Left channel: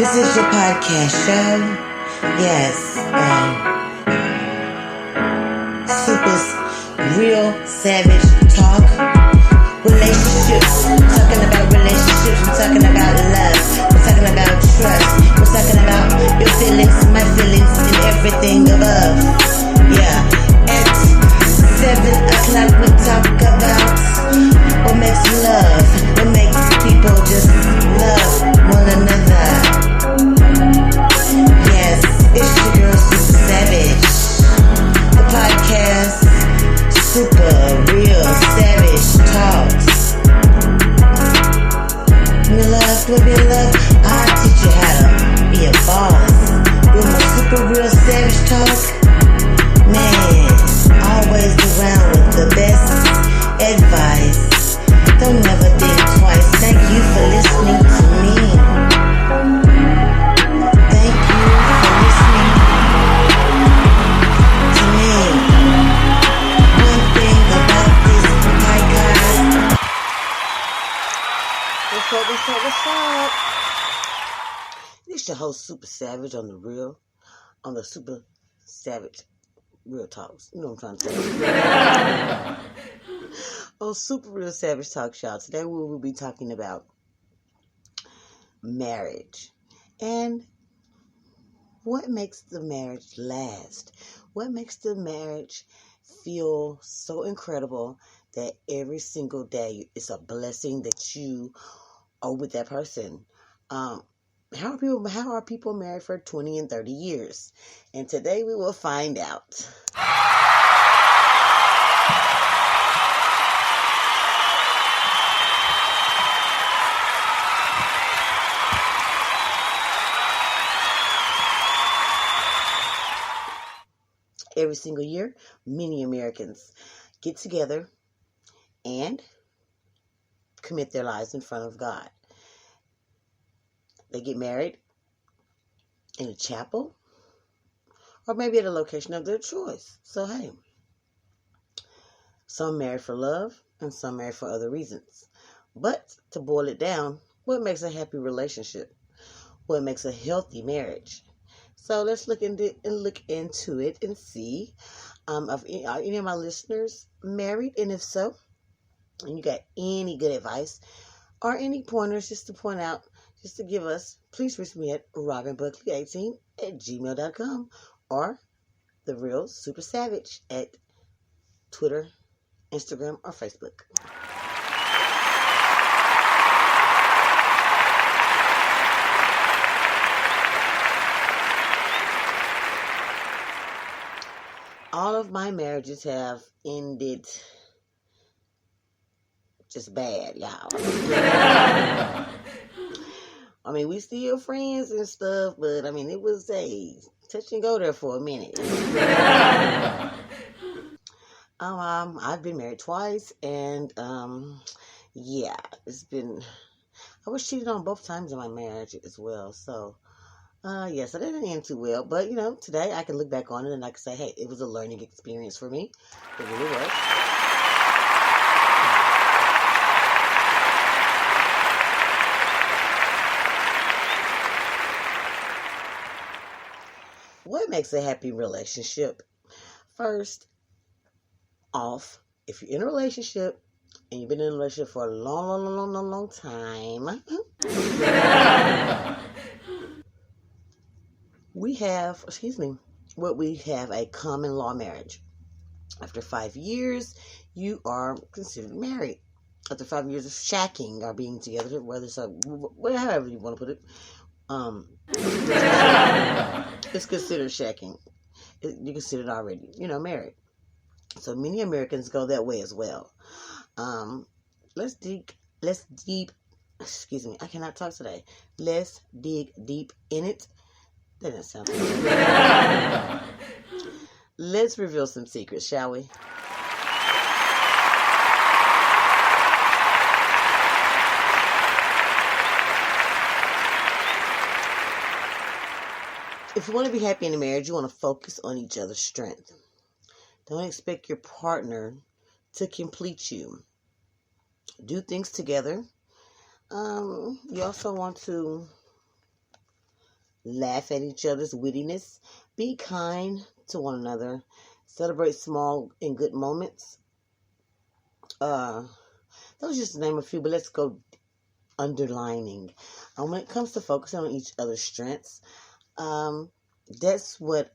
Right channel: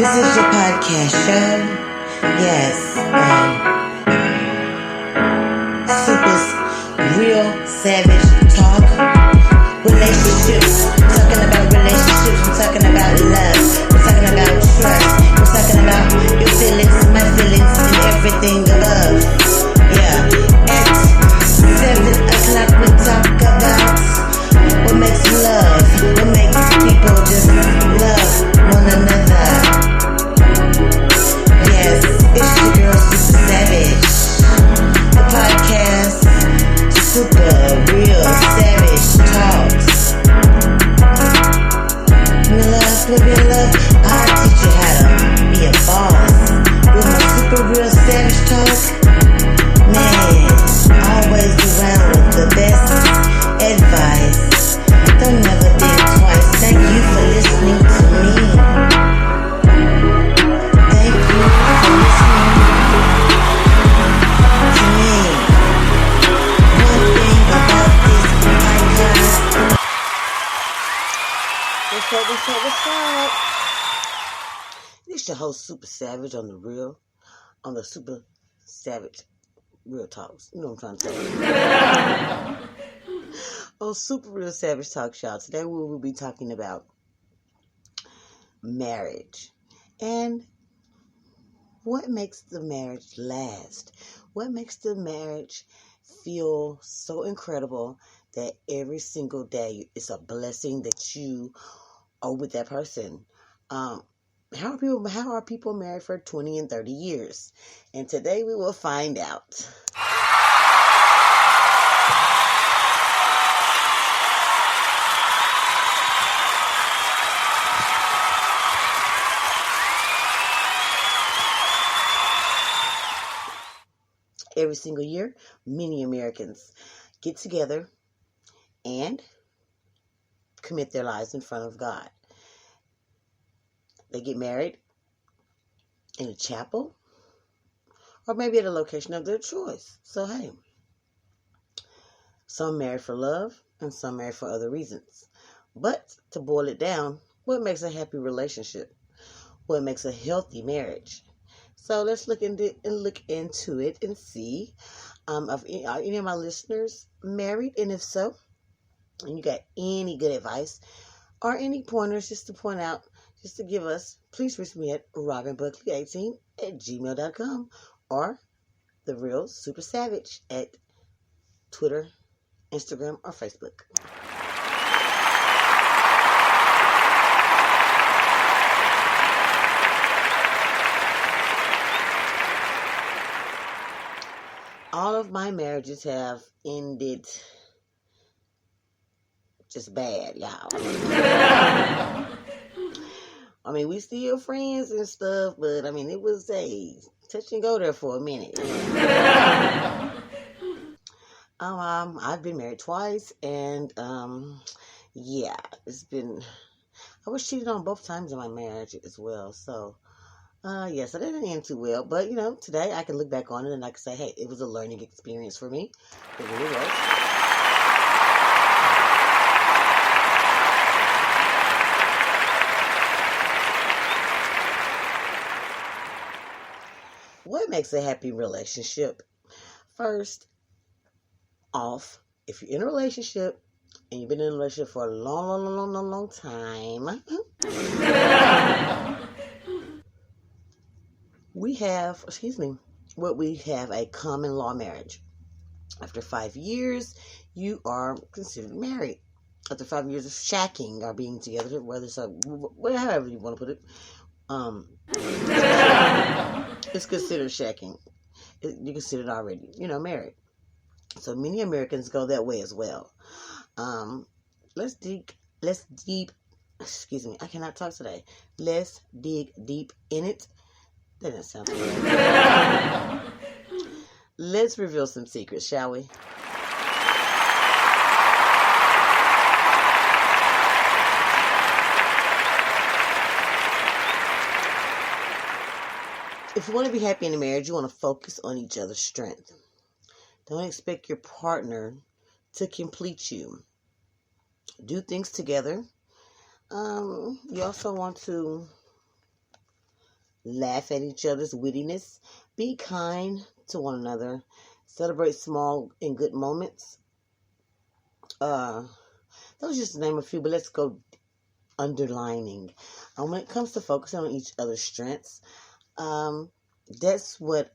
This is your podcast show. Yes, Super's Real Savage Talk. Relationships. Talking about relationships. We're talking about love. We're talking about trust. We're talking about your feelings, my feelings, and everything above. Yeah. At 7 o'clock we talk about what makes love. What makes people just love one another. Yes, it's your girl Super Savage. The podcast Super Real Savage Talks. With your love, I'll teach you how to be a boss. With my Super Real Savage Talk, man, always around with the best advice. Don't never think twice. Thank you for listening to me. Thank you for listening to me. One thing about this podcast. What's up? It's your host, Super Savage, on the Super Savage Real Talks. You know what I'm trying to say. On Super Real Savage Talk, y'all. Today we will be talking about marriage and what makes the marriage last. What makes the marriage feel so incredible that every single day it's a blessing that you are with that person. How are people married for 20 and 30 years? And today we will find out. Every single year, many Americans get together and commit their lives in front of God. They get married in a chapel or maybe at a location of their choice. So, hey, some marry for love and some marry for other reasons. But to boil it down, what makes a happy relationship? What makes a healthy marriage? So let's look into it and see. Are any of my listeners married? And if so, and you got any good advice or any pointers just to point out, just to give us, please reach me at robinbuckley18@gmail.com or The Real Super Savage at Twitter, Instagram, or Facebook. All of my marriages have ended just bad, y'all. I mean, we still friends and stuff, but I mean, it was a touch and go there for a minute. I've been married twice, and yeah, I was cheated on both times in my marriage as well. So, yes, I didn't end too well, but today I can look back on it and I can say, hey, it was a learning experience for me. It really was. What makes a happy relationship? First off, if you're in a relationship and you've been in a relationship for a long time, we have a common law marriage. After 5 years, you are considered married. After 5 years of shacking or being together, however you want to put it, it's considered shacking. You're considered already, married. So many Americans go that way as well. Let's dig I cannot talk today. Let's dig deep in it. That doesn't sound too bad. Let's reveal some secrets, shall we? If you want to be happy in a marriage, you want to focus on each other's strength. Don't expect your partner to complete you. Do things together. You also want to laugh at each other's wittiness, be kind to one another, celebrate small and good moments. Those just to name a few, but let's go underlining. When it comes to focusing on each other's strengths, that's what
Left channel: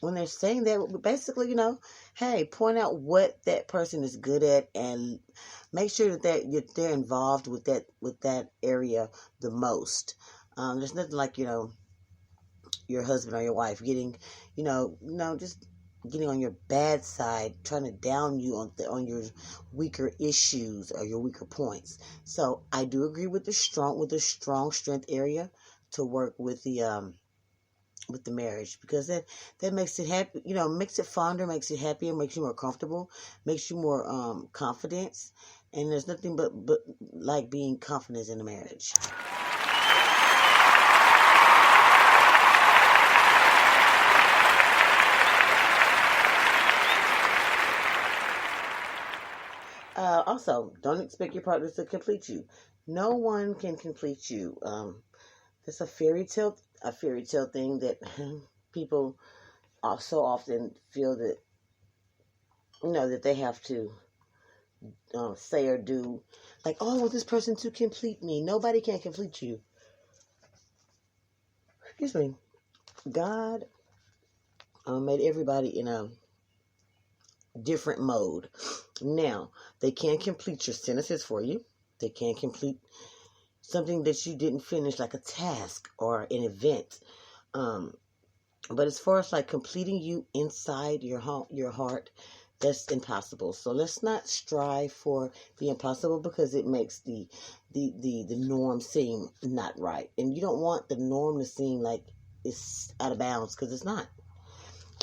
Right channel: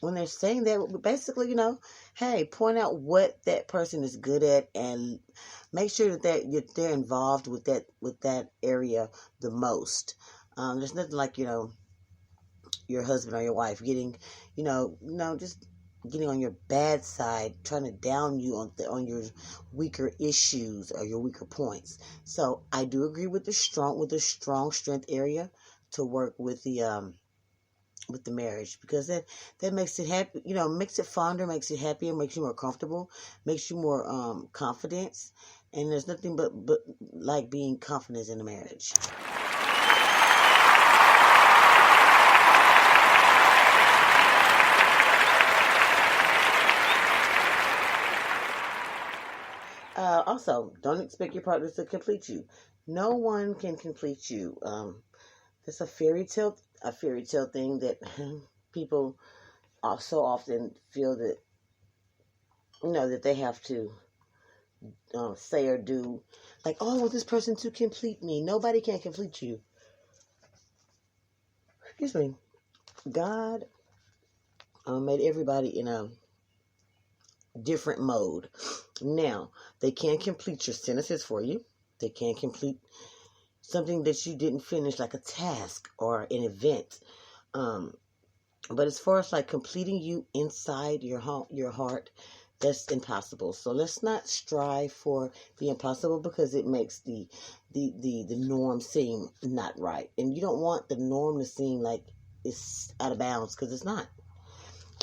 when they're saying that, basically, hey, point out what that person is good at and make sure that they're involved with that area the most. There's nothing like, your husband or your wife getting, just getting on your bad side, trying to down you on your weaker issues or your weaker points. So I do agree with the strong strength area to work with the marriage, because that makes it happy, makes it fonder, makes it happier, makes you more comfortable, makes you more confident, and there's nothing but like being confident in a marriage. Also, don't expect your partner to complete you. No one can complete you. It's a fairy tale thing that people so often feel that that they have to say or do, like, oh, I want this person to complete me. Nobody can complete you. Excuse me. God made everybody in a different mode. Now, they can't complete your sentences for you. They can't complete something that you didn't finish, like a task or an event. But as far as like completing you inside your heart, that's impossible. So let's not strive for the impossible, because it makes the norm seem not right. And you don't want the norm to seem like it's out of bounds, because it's not.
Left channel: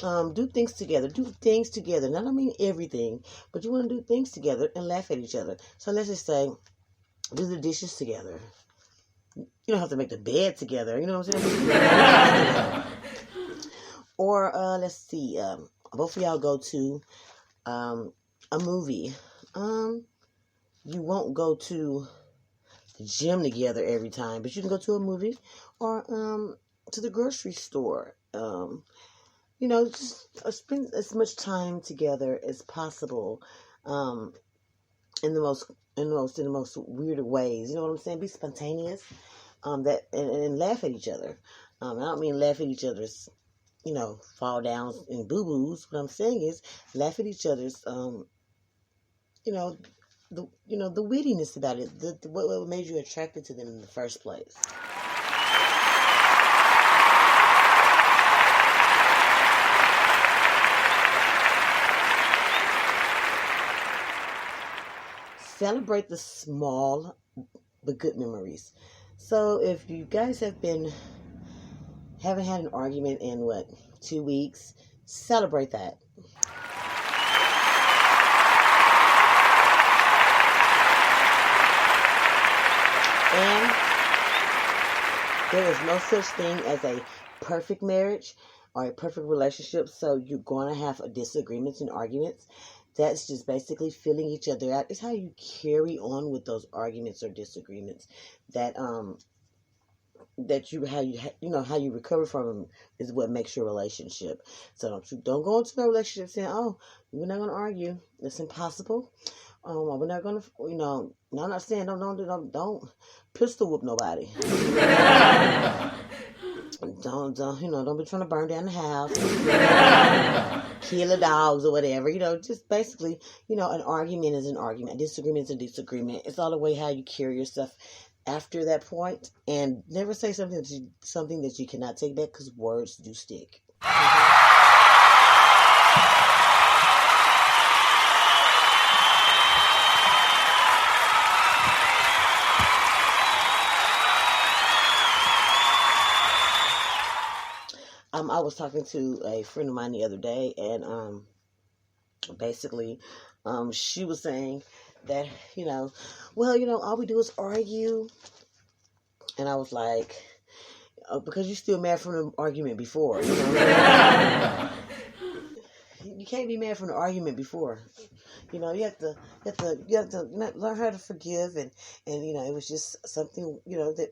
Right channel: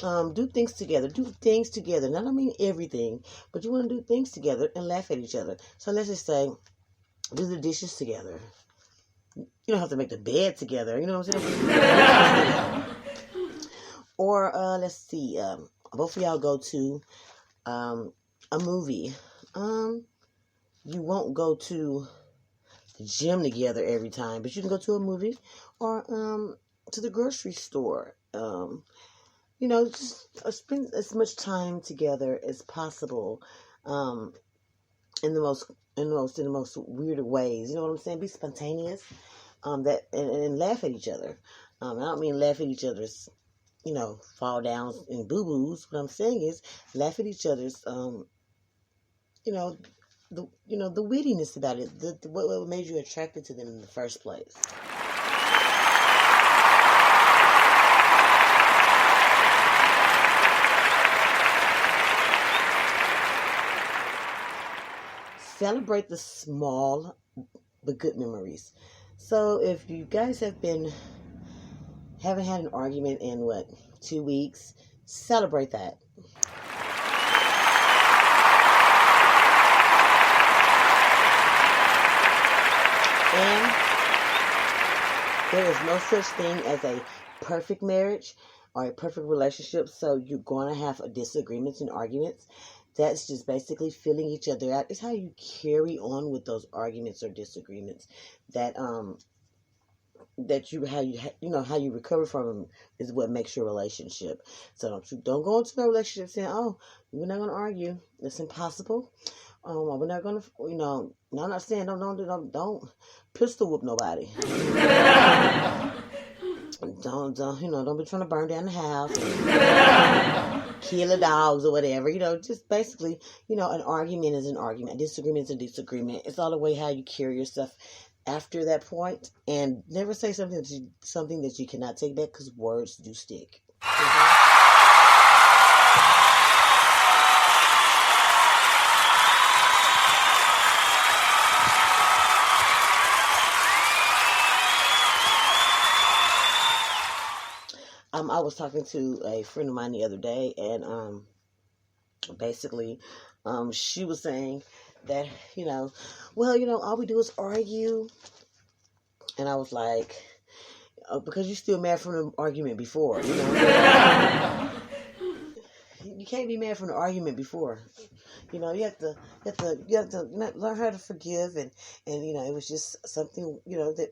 Do things together. Now, I don't mean everything, but you want to do things together and laugh at each other. So let's just say, do the dishes together. You don't have to make the bed together. You know what I'm saying? Or let's see. Both of y'all go to a movie. You won't go to the gym together every time, but you can go to a movie or to the grocery store. Just spend as much time together as possible, in the most weird ways. You know what I'm saying? Be spontaneous, and laugh at each other. I don't mean laugh at each other's, fall downs and boo boos. What I'm saying is laugh at each other's, the wittiness about it, what made you attracted to them in the first place. Celebrate the small but good memories. So if you guys haven't had an argument in 2 weeks, celebrate that. And there is no such thing as a perfect marriage or a perfect relationship. So you're going to have disagreements and arguments. That's just basically filling each other out. It's how you carry on with those arguments or disagreements that how you recover from them is what makes your relationship. So don't go into a relationship saying, oh, we're not going to argue. It's impossible. We're not going to, no, I'm not saying don't pistol whoop nobody. Don't be trying to burn down the house and kill the dogs or whatever. Just basically, an argument is an argument. A disagreement is a disagreement. It's all the way how you carry yourself after that point, and never say something that you cannot take back, because words do stick. I was talking to a friend of mine the other day, and basically, she was saying that, all we do is argue. And I was like, because you're still mad from the argument before, You can't be mad from the argument before. You have to learn how to forgive, and it was just something, that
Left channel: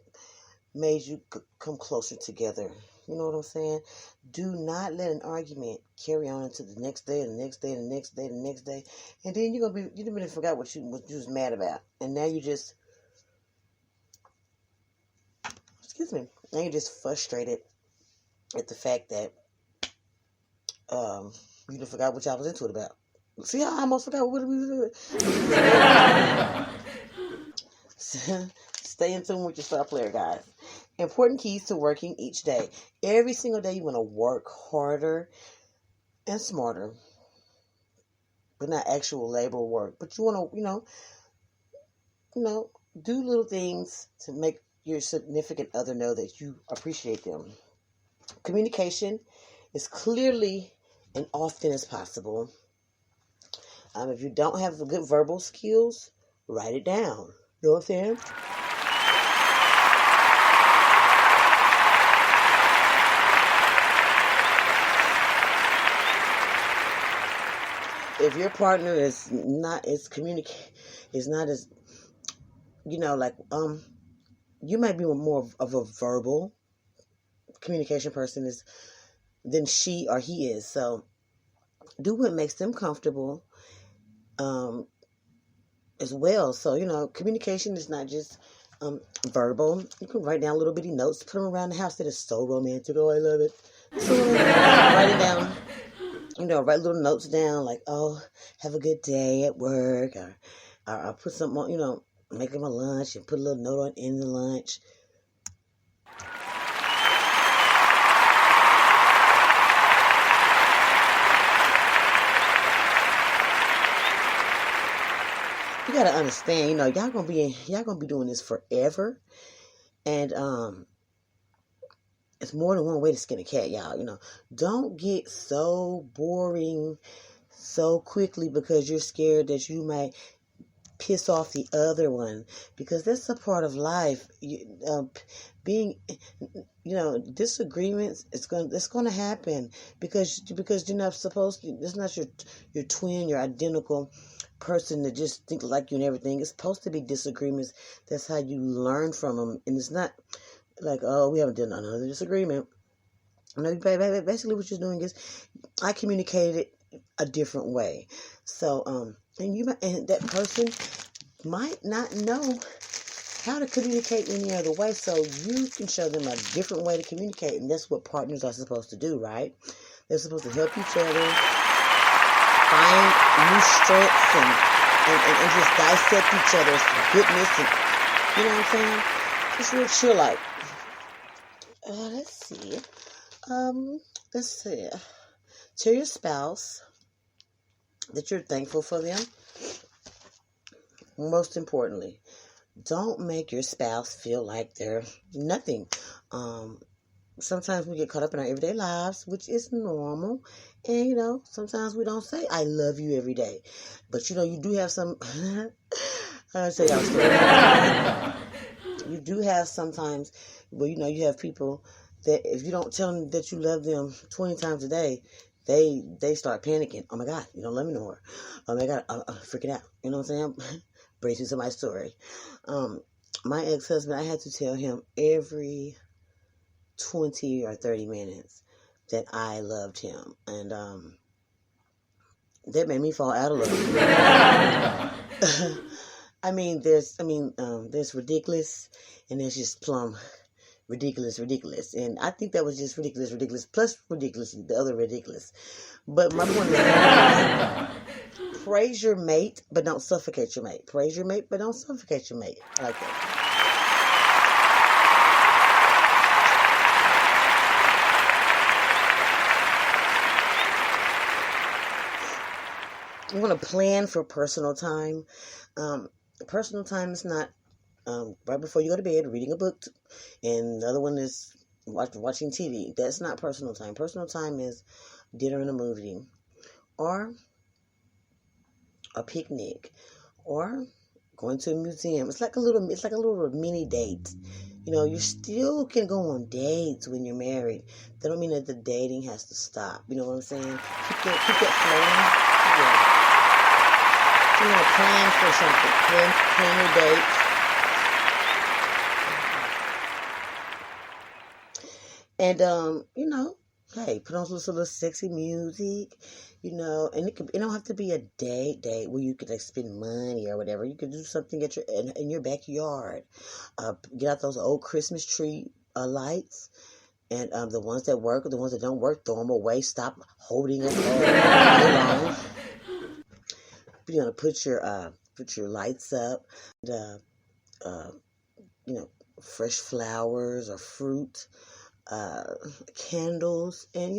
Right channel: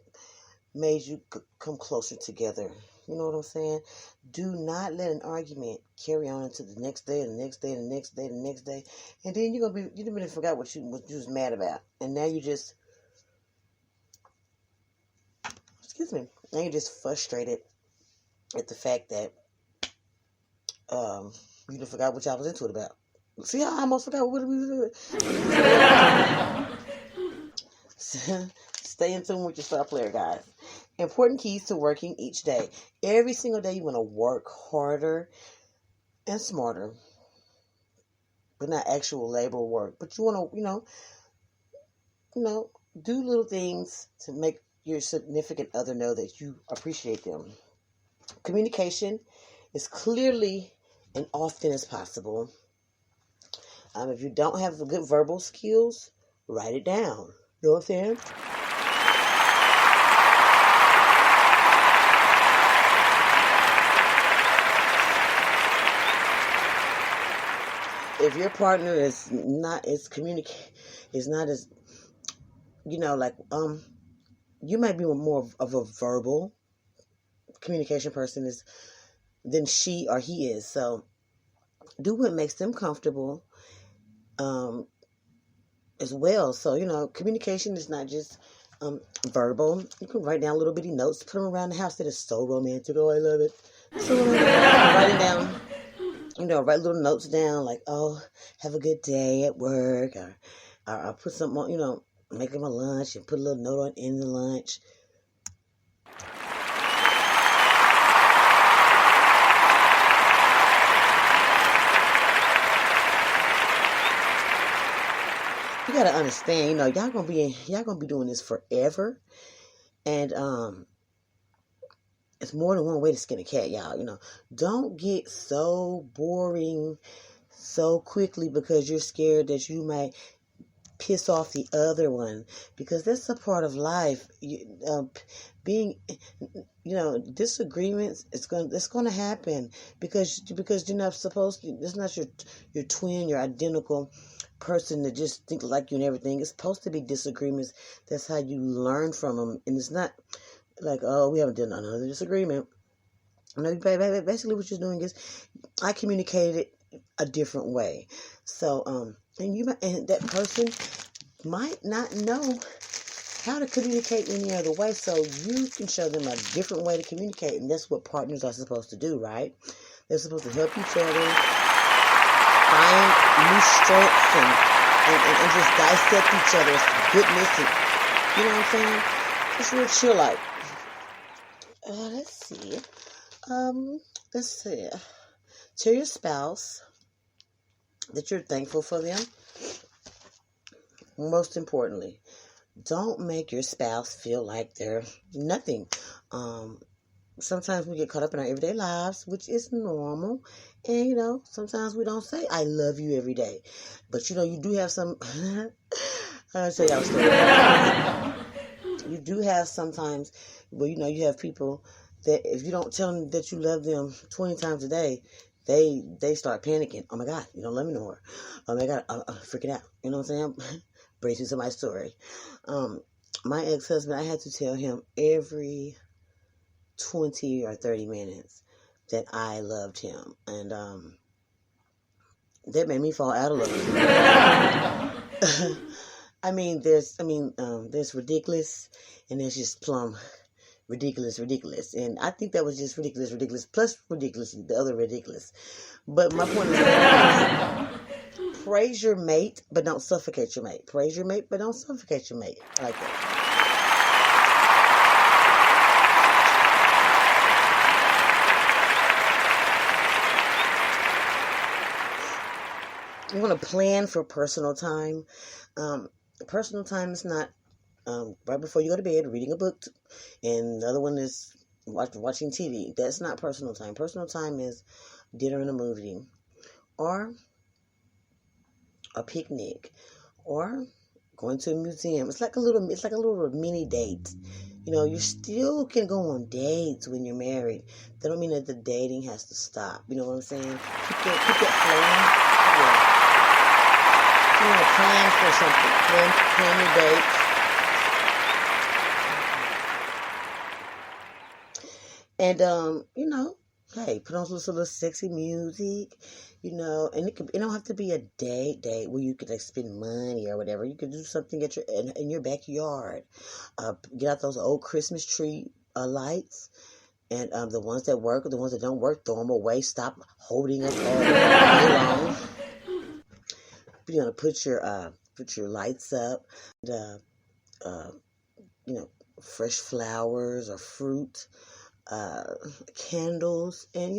made you come closer together. You know what I'm saying? Do not let an argument carry on into the next day, and the next day, and the next day, and the next day, and then you really forgot what you was mad about, and now you just, excuse me, now you're just frustrated at the fact that you done forgot what y'all was into it about. See how I almost forgot what we was doing. Stay in tune with your star player, guys. Important keys to working each day. Every single day you want to work harder and smarter, but not actual labor work. But you want to, do little things to make your significant other know that you appreciate them. Communication as clearly and often as possible. If you don't have the good verbal skills, write it down. You know what I'm saying? If your partner is not as you might be more of a verbal communication person than she or he is. So do what makes them comfortable as well. So, communication is not just verbal. You can write down little bitty notes, put them around the house. That is so romantic. Oh, I love it. So write it down. Write little notes down like, oh, have a good day at work, or I'll put something on, make them a lunch and put a little note on in the lunch. You gotta understand, y'all gonna be doing this forever, and it's more than one way to skin a cat, y'all. Don't get so boring so quickly because you're scared that you might piss off the other one, because that's a part of life. Disagreements, it's going to happen because you're not supposed to. It's not your twin, your identical person that just think like you and everything. It's supposed to be disagreements. That's how you learn from them, and it's not like, oh, we haven't done another disagreement. No, basically what you're doing is, I communicated a different way. So, and that person might not know how to communicate any other way. So you can show them a different way to communicate, and that's what partners are supposed to do, right? They're supposed to help each other find new strengths and just dissect each other's goodness, and you know what I'm saying? Just real chill out. Let's see. Tell your spouse that you're thankful for them. Most importantly, don't make your spouse feel like they're nothing. Sometimes we get caught up in our everyday lives, which is normal. And, sometimes we don't say, I love you every day. But, you do have some, I'll tell y'all a story. You do have sometimes where, you have people that if you don't tell them that you love them 20 times a day, they start panicking. Oh my God, you don't love me no more. Oh my God, I'm freaking out. You know what I'm saying? Brings me to my story. My ex-husband, I had to tell him every 20 or 30 minutes that I loved him. And that made me fall out of love with him. There's ridiculous, and there's just plumb ridiculous. And I think that was just ridiculous, plus ridiculous, the other ridiculous. But my point is, praise your mate, but don't suffocate your mate. Praise your mate, but don't suffocate your mate. I like that. You want to plan for personal time. Personal time is not right before you go to bed reading a book, and the other one is watching TV. That's not personal time. Personal time is dinner and a movie, or a picnic, or going to a museum. It's like a little mini date. You still can go on dates when you're married. That don't mean that the dating has to stop. You know what I'm saying? Keep that flowing. Yeah. You want to plan for something. Plan your dates. And hey, put on some little sexy music, and it don't have to be a date where you could like spend money or whatever. You could do something at in your backyard. Get out those old Christmas tree lights, and the ones that work or the ones that don't work, throw them away. Stop holding them all day long. You're gonna put your lights up, and, fresh flowers or fruit, candles, and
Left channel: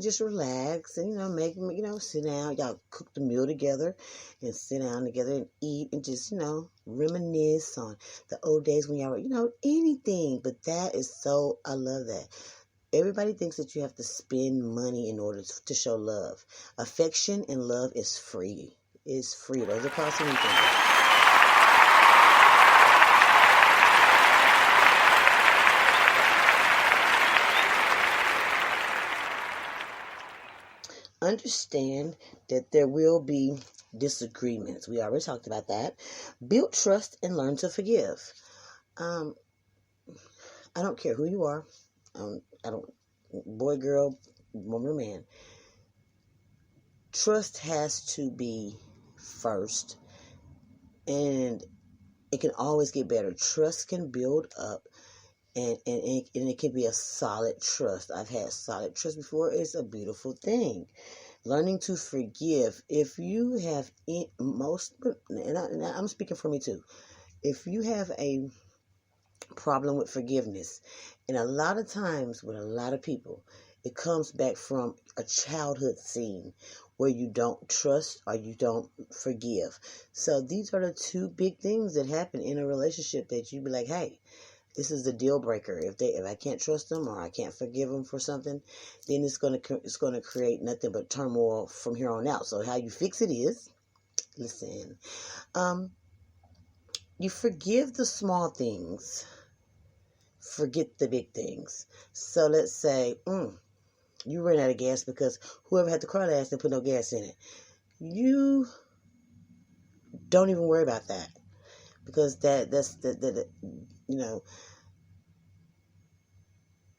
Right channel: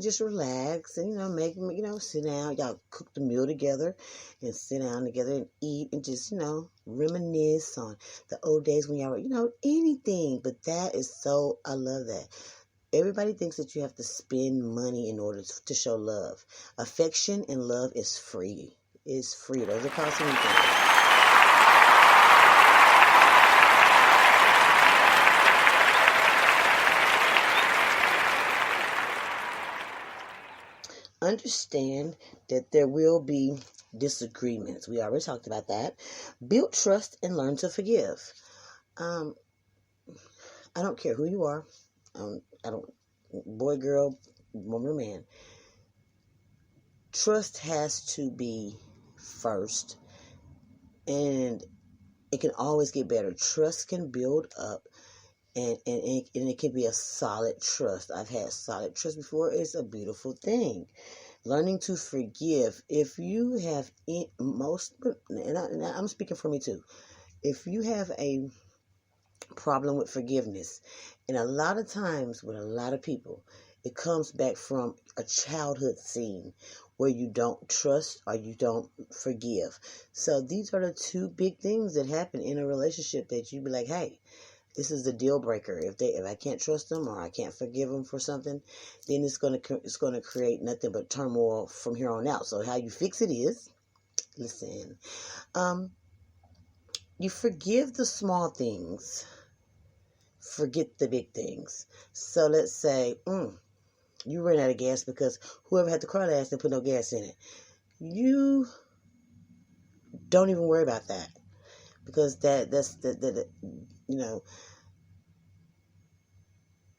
just relax and make sit down. Y'all cook the meal together and sit down together and eat and just reminisce on the old days when y'all were anything. But that is so, I love that. Everybody thinks that you have to spend money in order to show love. Affection and love is free. It's free. Those are costing me things. Understand that there will be disagreements. We already talked about that. Build trust and learn to forgive. I don't care who you are. I don't, boy, girl, woman, or man. Trust has to be first, and it can always get better. Trust can build up, and it can be a solid trust. I've had solid trust before. It's a beautiful thing. Learning to forgive. If you have and I'm speaking for me too. If you have a problem with forgiveness, and a lot of times with a lot of people, it comes back from a childhood scene where you don't trust or you don't forgive. So these are the two big things that happen in a relationship that you be like, hey, this is the deal breaker. If I can't trust them or I can't forgive them for something, then it's gonna create nothing but turmoil from here on out. So how you fix it is, listen, you forgive the small things, forget the big things. So let's say, you ran out of gas because whoever had the car last didn't put no gas in it. You don't even worry about that, because that's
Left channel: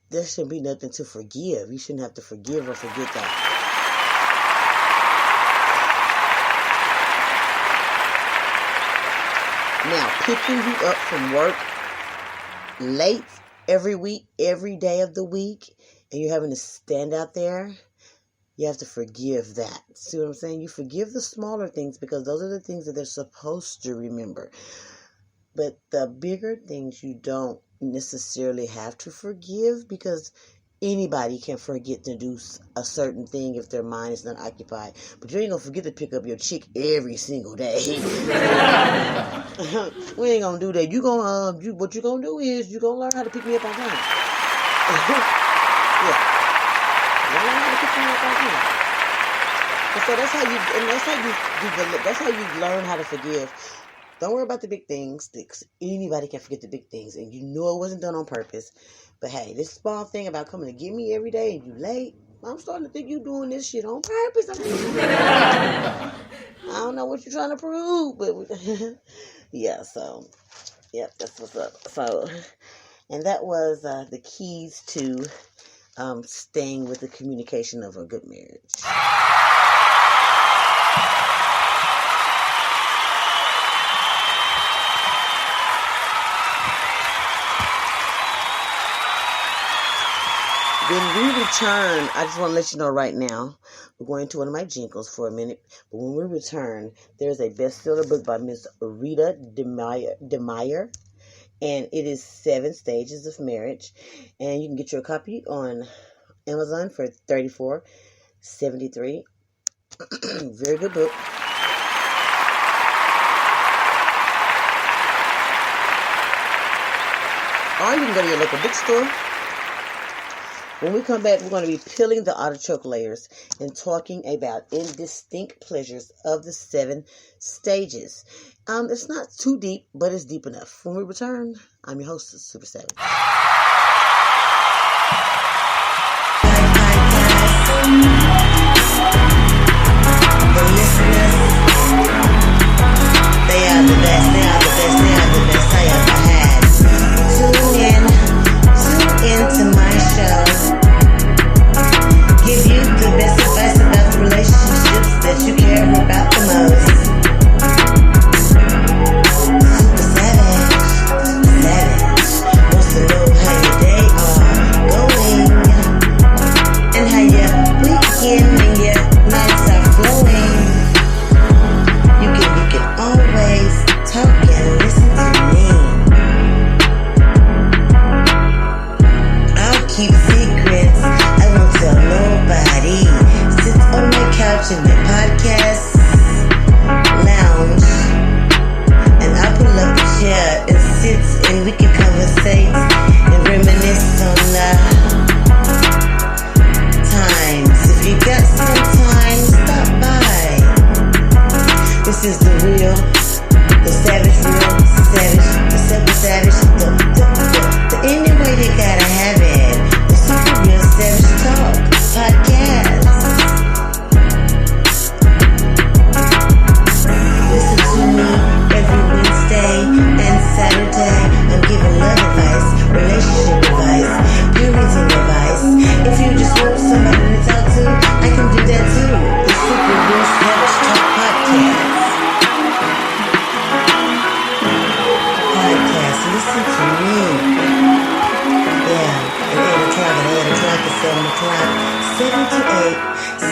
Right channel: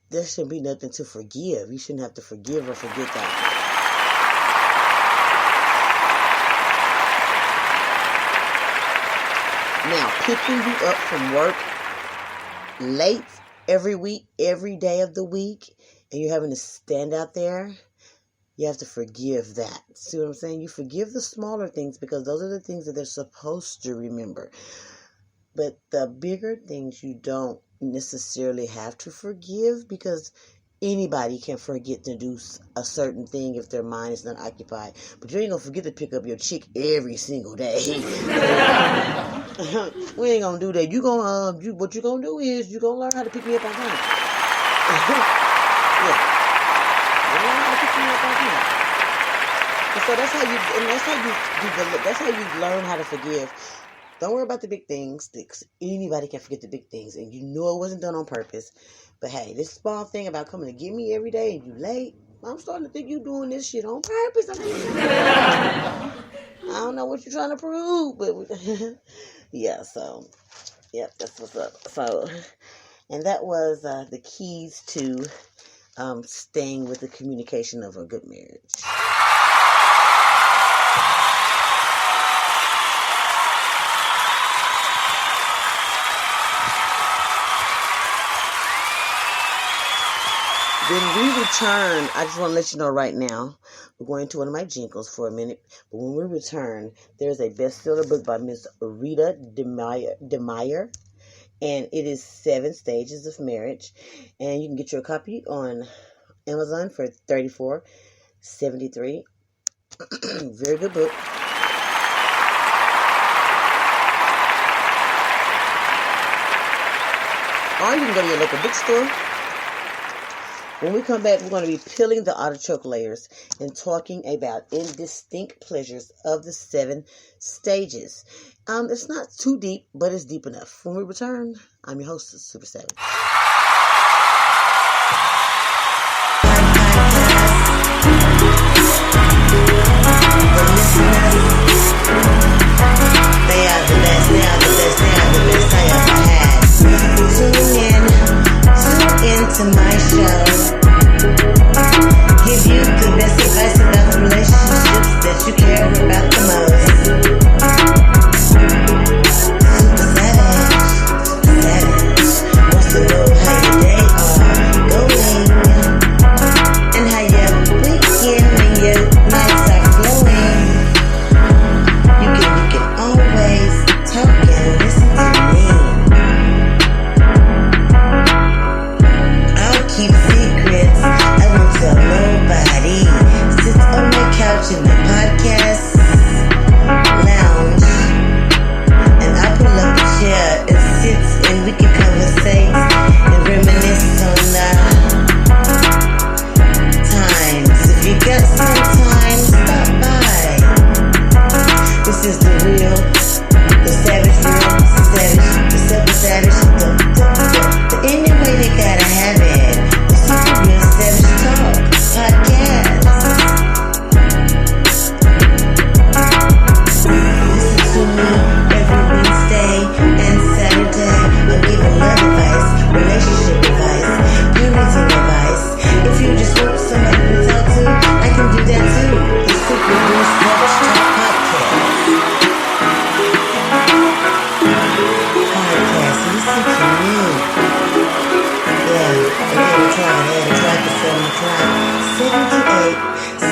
there shouldn't be nothing to forgive. You shouldn't have to forgive or forget that. Now, picking you up from work late every week, every day of the week, and you're having to stand out there, you have to forgive that. See what I'm saying? You forgive the smaller things because those are the things that they're supposed to remember. But the bigger things you don't necessarily have to forgive, because anybody can forget to do a certain thing if their mind is not occupied. But you ain't going to forget to pick up your chick every single day. We ain't going to do that. What you going to do is you going to learn how to pick me up on time. Yeah. You learn how to pick me up on time. And so that's how you learn how to forgive. Don't worry about the big things. Anybody can forget the big things, and you know it wasn't done on purpose. But hey, this small thing about coming to get me every day and you late, I'm starting to think you doing this shit on purpose. I don't know what you're trying to prove, but yeah. So, yep, that's what's up. So, and that was the keys to staying with the communication of a good marriage. When we return, I just want to let you know right now, we're going to one of my jingles for a minute, but when we return, there's a bestseller book by Miss Rita DeMeyer, and it is 7 Stages of Marriage, and you can get your copy on Amazon for $34.73. Very good book. Or you can go to your local bookstore. When we come back, we're going to be peeling the artichoke layers and talking about indistinct pleasures of the 7 stages. It's not too deep, but it's deep enough. When we return, I'm your host, Super Savage. The listeners, they are the best. They are the best. They are the best I ever had. Tune in to my show. couch in my podcast lounge, and I pull up a chair and sit, and we can conversate and reminisce on times. If you got some time, stop by. This is the real, the savage, real savage, the super savage, the any way they gotta have it. The super real savage talk podcast. Listen to me every Wednesday and Saturday. I'm giving love advice, relationship advice, parenting advice. If you just want somebody to talk to, I can do that too. The Super Real Savage Talk podcast. Listen to me. Yeah, at 8 o'clock, at 7 o'clock, 7 to 8,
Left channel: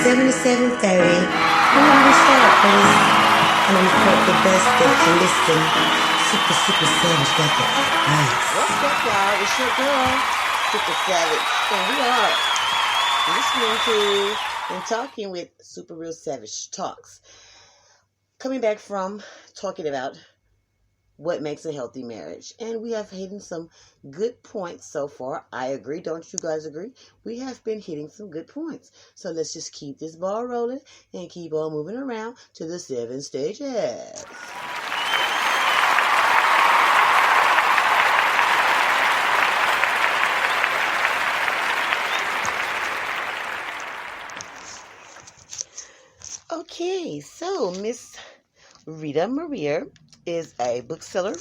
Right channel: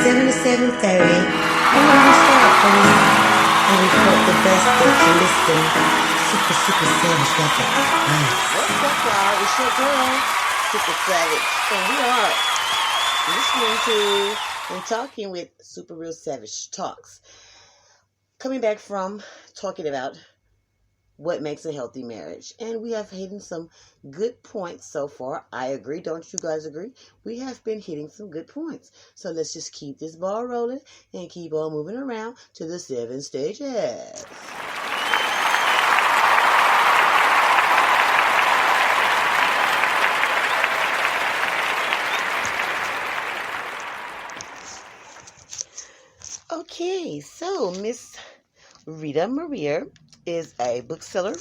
7 to 7:30. And when we start for this, and we put the best that you listen. Super Savage got the advice. What's up, y'all? It's your girl, Super Savage. And we are listening to and talking with Super Real Savage Talks. Coming back from talking about what makes a healthy marriage. And we have hit some good points so far. I agree. Don't you guys agree? We have been hitting some good points. So let's just keep this ball rolling and keep on moving around to the 7 stages. Okay, so Miss Rita Maria is a bookseller,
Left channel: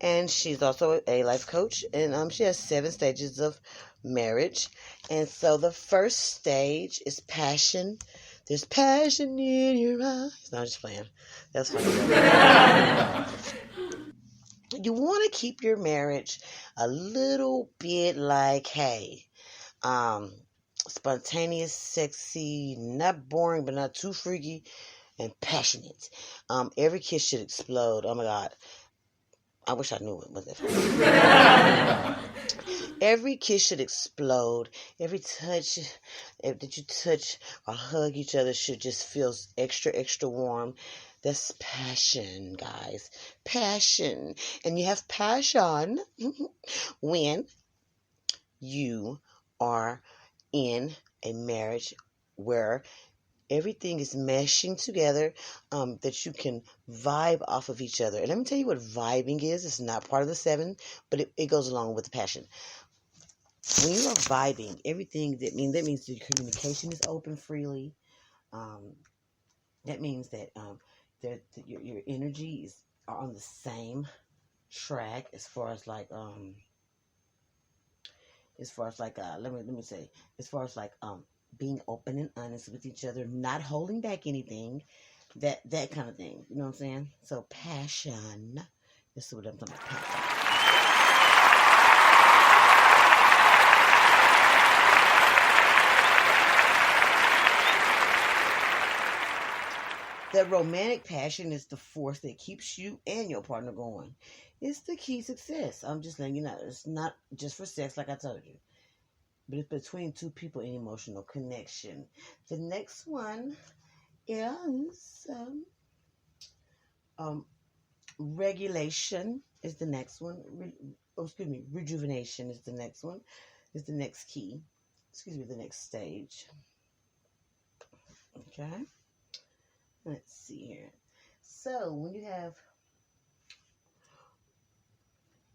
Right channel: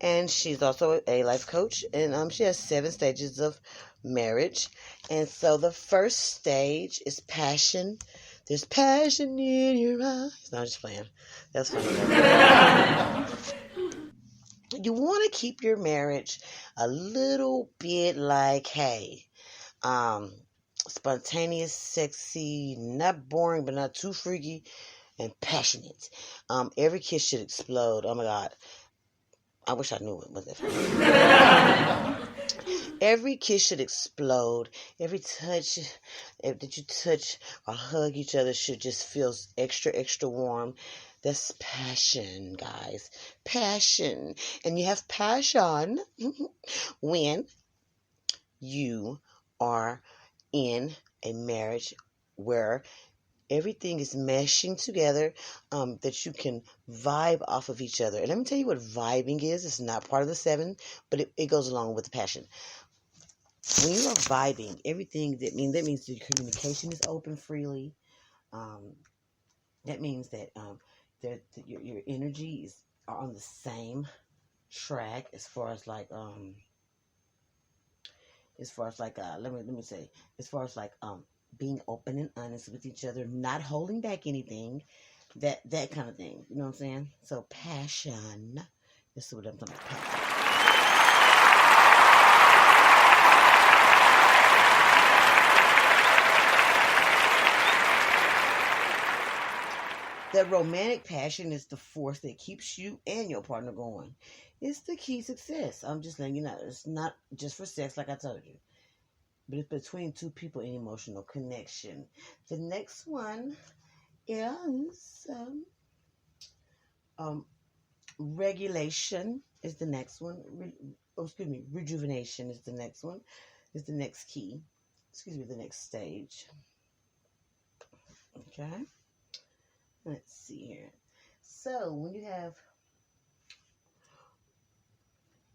and she's also a life coach, and she has 7 stages of marriage. And so the first stage is passion. There's passion in your eyes. No, I'm just playing. That's funny. You want to keep your marriage a little bit like, hey, spontaneous, sexy, not boring, but not too freaky, and passionate. Every kiss should explode. Oh my God. I wish I knew it was that. Every kiss should explode. Every touch that you touch or hug each other should just feel extra, extra warm. That's passion, guys. Passion. And you have passion when you are in a marriage where everything is meshing together, that you can vibe off of each other. And let me tell you what vibing is. It's not part of the 7, but it goes along with the passion. When you are vibing, everything that means the communication is open freely. That means that your energies are on the same track as far as like being open and honest with each other, not holding back anything, that kind of thing. You know what I'm saying? So passion. This is what I'm talking about. Passion. The romantic passion is the force that keeps you and your partner going. It's the key to success. I'm just letting you know. It's not just for sex, like I told you. But it's between 2 people in emotional connection. The next one is regulation is the next one. Rejuvenation is the next one. Is the next key. The next stage. Okay. Let's see here. So when you have,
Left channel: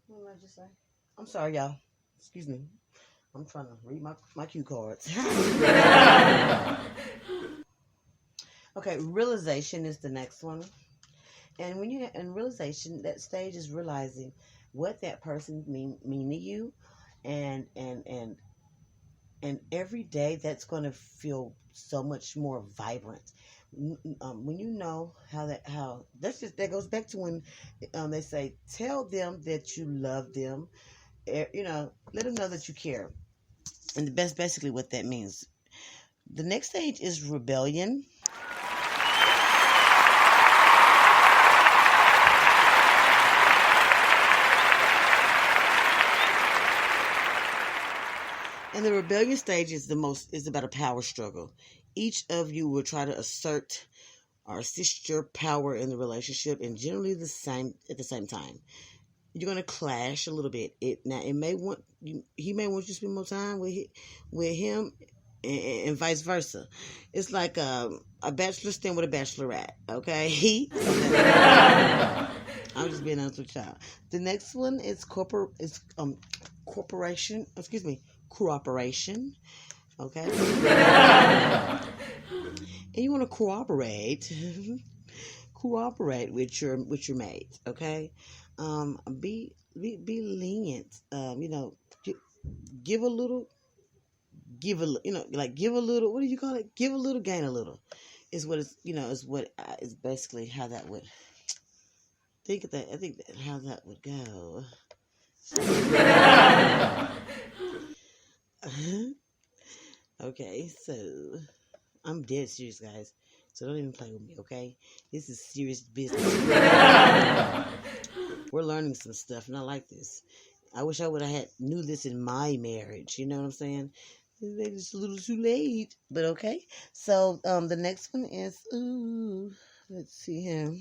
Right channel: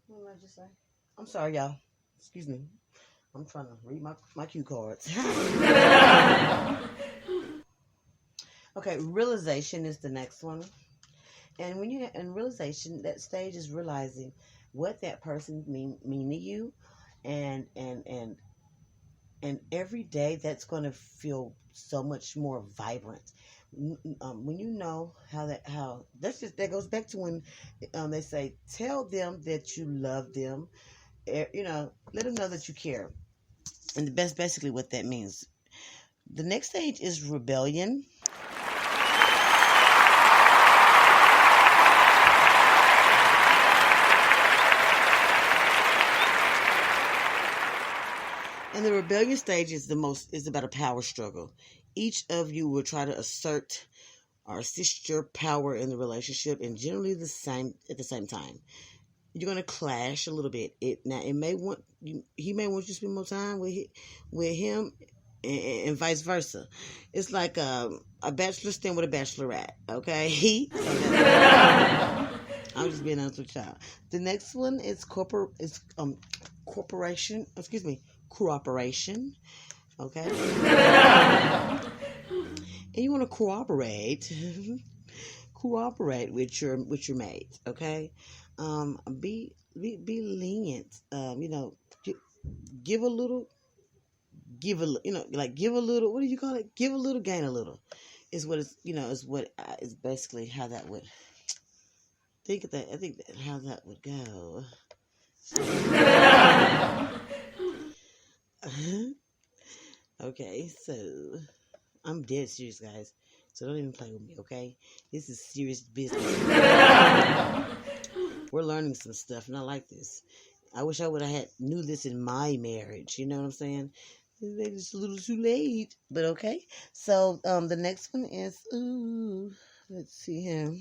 what did I just say? I'm sorry, y'all. Excuse me. I'm trying to read my cue cards. Okay, realization is the next one. And when you're in realization, that stage is realizing what that person mean to you, and every day that's going to feel so much more vibrant. When you know that goes back to when they say, tell them that you love them. Let them know that you care. And that's basically what that means. The next stage is rebellion. And the rebellion stage is about a power struggle. each of you will try to assert or assist your power in the relationship, and generally at the same time. You're gonna clash a little bit. He may want you to spend more time with him, and vice versa. It's like a bachelor staying with a bachelorette. Okay, I'm just being honest with y'all. The next one is cooperation. Cooperation. Okay, and you want to cooperate with your mate. Okay, be lenient. Give a little. Give a little. What do you call it? Give a little, gain a little. Is basically how that would. I think that how that would go. Okay, so I'm dead serious, guys. So don't even play with me, okay? This is serious business. We're learning some stuff, and I like this. I wish I would have knew this in my marriage. You know what I'm saying? It's a little too late, but okay. So the next one is let's see here.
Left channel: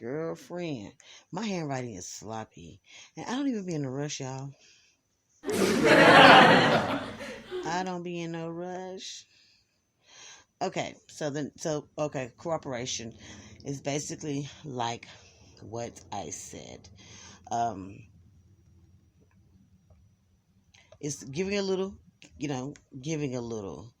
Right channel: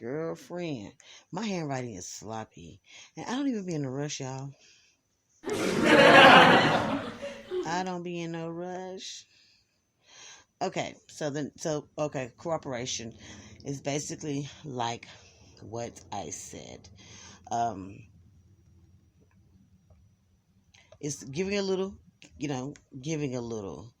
Girlfriend. My handwriting is sloppy, and I don't even be in a rush, y'all. I don't be in no rush. Okay, cooperation is basically like what I said. It's giving a little, giving a little.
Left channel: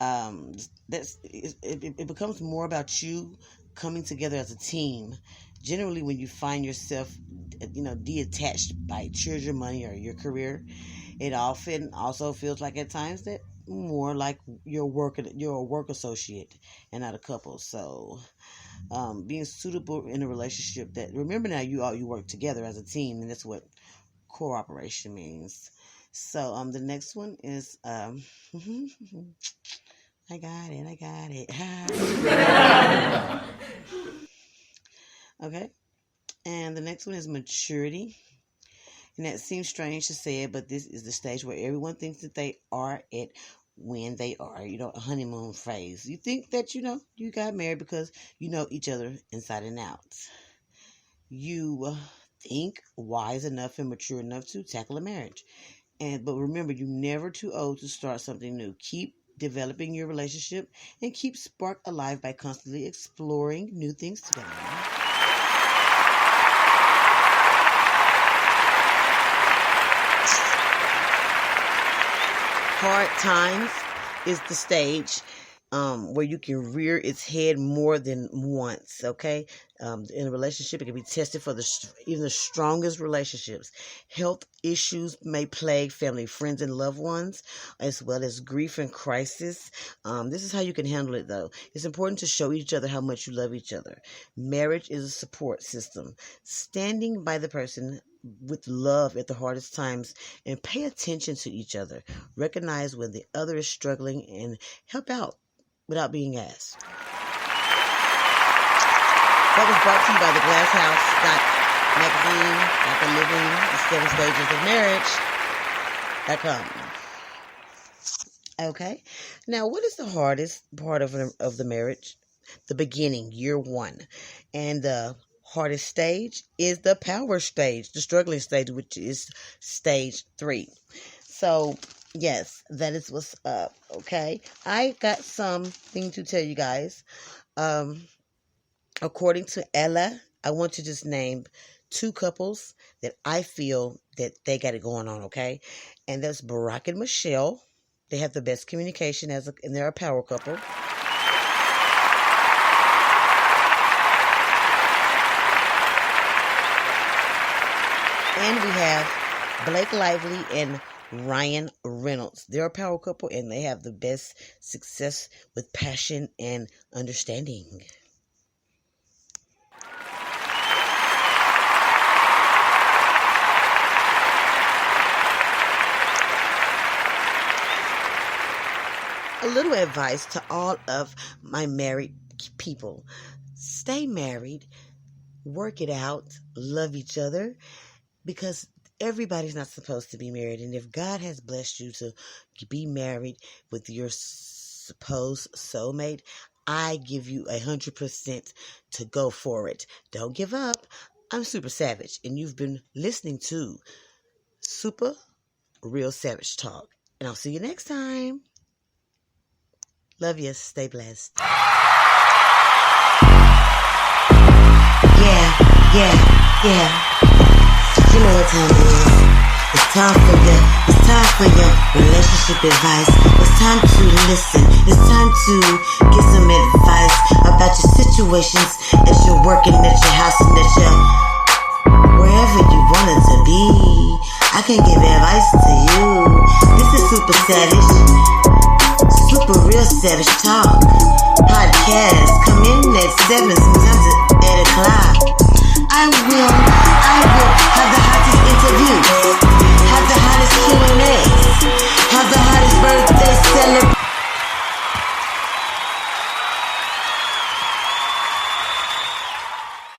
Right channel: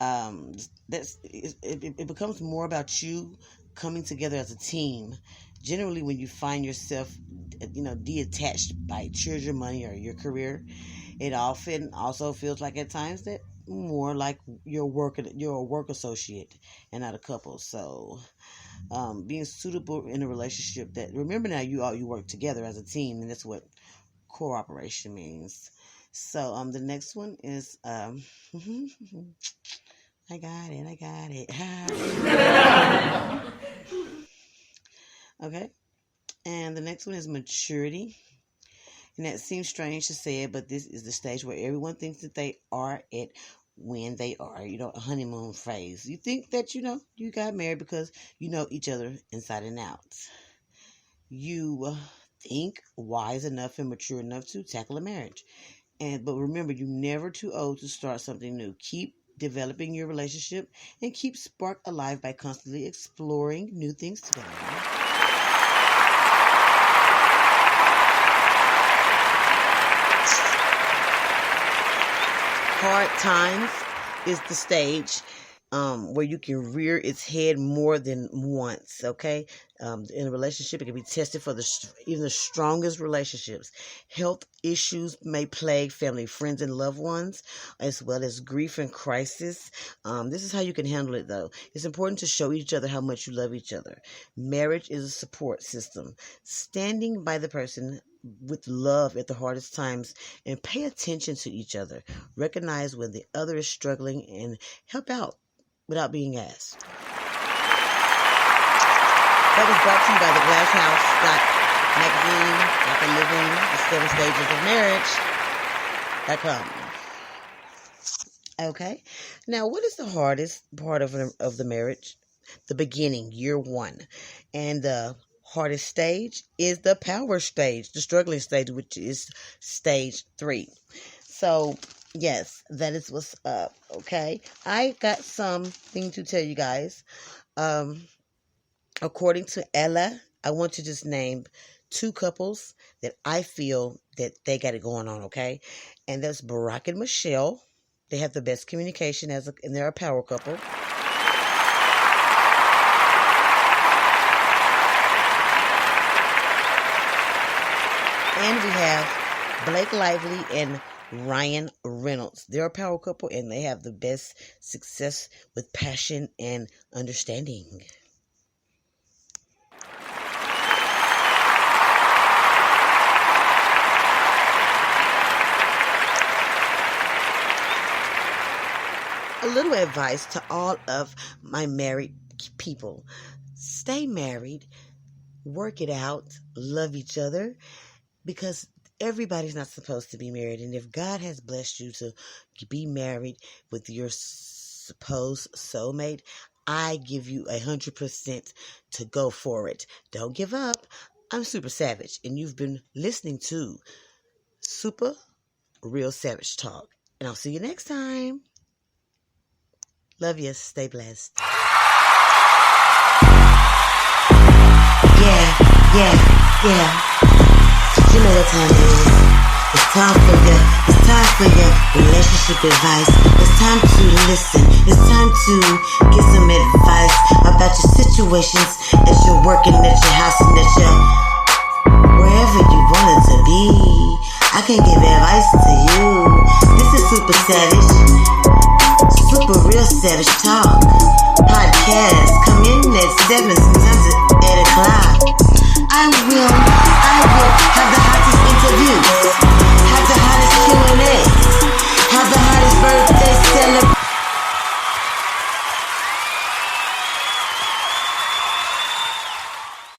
It becomes more about you coming together as a team. Generally, when you find yourself, detached by children, money, or your career, it often also feels like at times that more like you're a work associate and not a couple. So, being suitable in a relationship that, remember now, you work together as a team, and that's what cooperation means. So, the next one is, I got it. Okay. And the next one is maturity. And that seems strange to say it, but this is the stage where everyone thinks that they are at when they are, a honeymoon phase. You think that, you got married because you know each other inside and out. You think wise enough and mature enough to tackle a marriage. But remember, you're never too old to start something new. Keep developing your relationship and keep spark alive by constantly exploring new things together. Hard times is the stage where you can rear its head more than once, okay? In a relationship, it can be tested for even the strongest relationships. Health issues may plague family, friends, and loved ones, as well as grief and crisis. This is how you can handle it, though. It's important to show each other how much you love each other. Marriage is a support system. Standing by the person with love at the hardest times, and pay attention to each other. Recognize when the other is struggling and help out without being asked. That was brought to you by the Glass House magazine, the 7 stages of marriage.com. Okay. Now, what is the hardest part of the marriage? The beginning, year one. And the hardest stage is the power stage, the struggling stage, which is stage 3. So, yes, that is what's up, okay? I got something to tell you guys. According to Ella, I want to just name 2 couples that I feel that they got it going on, okay? And that's Barack and Michelle. They have the best communication and they're a power couple. And we have Blake Lively and Ryan Reynolds. They're a power couple and they have the best success with passion and understanding. A little advice to all of my married people. Stay married, work it out, love each other, because everybody's not supposed to be married. And if God has blessed you to be married with your supposed soulmate, I give you 100% to go for it. Don't give up. I'm Super Savage, and you've been listening to Super Real Savage Talk. And I'll see you next time. Love you. Stay blessed. Yeah. You know what time it is. It's time for your relationship advice. It's time to listen. It's time to get some advice about your situations as you're working at your house and at your wherever you want it to be. I can give advice to you. This is Super Savage, Super Real Savage Talk podcast. Come in at 7, sometimes at 8 o'clock. I will have the hottest interview.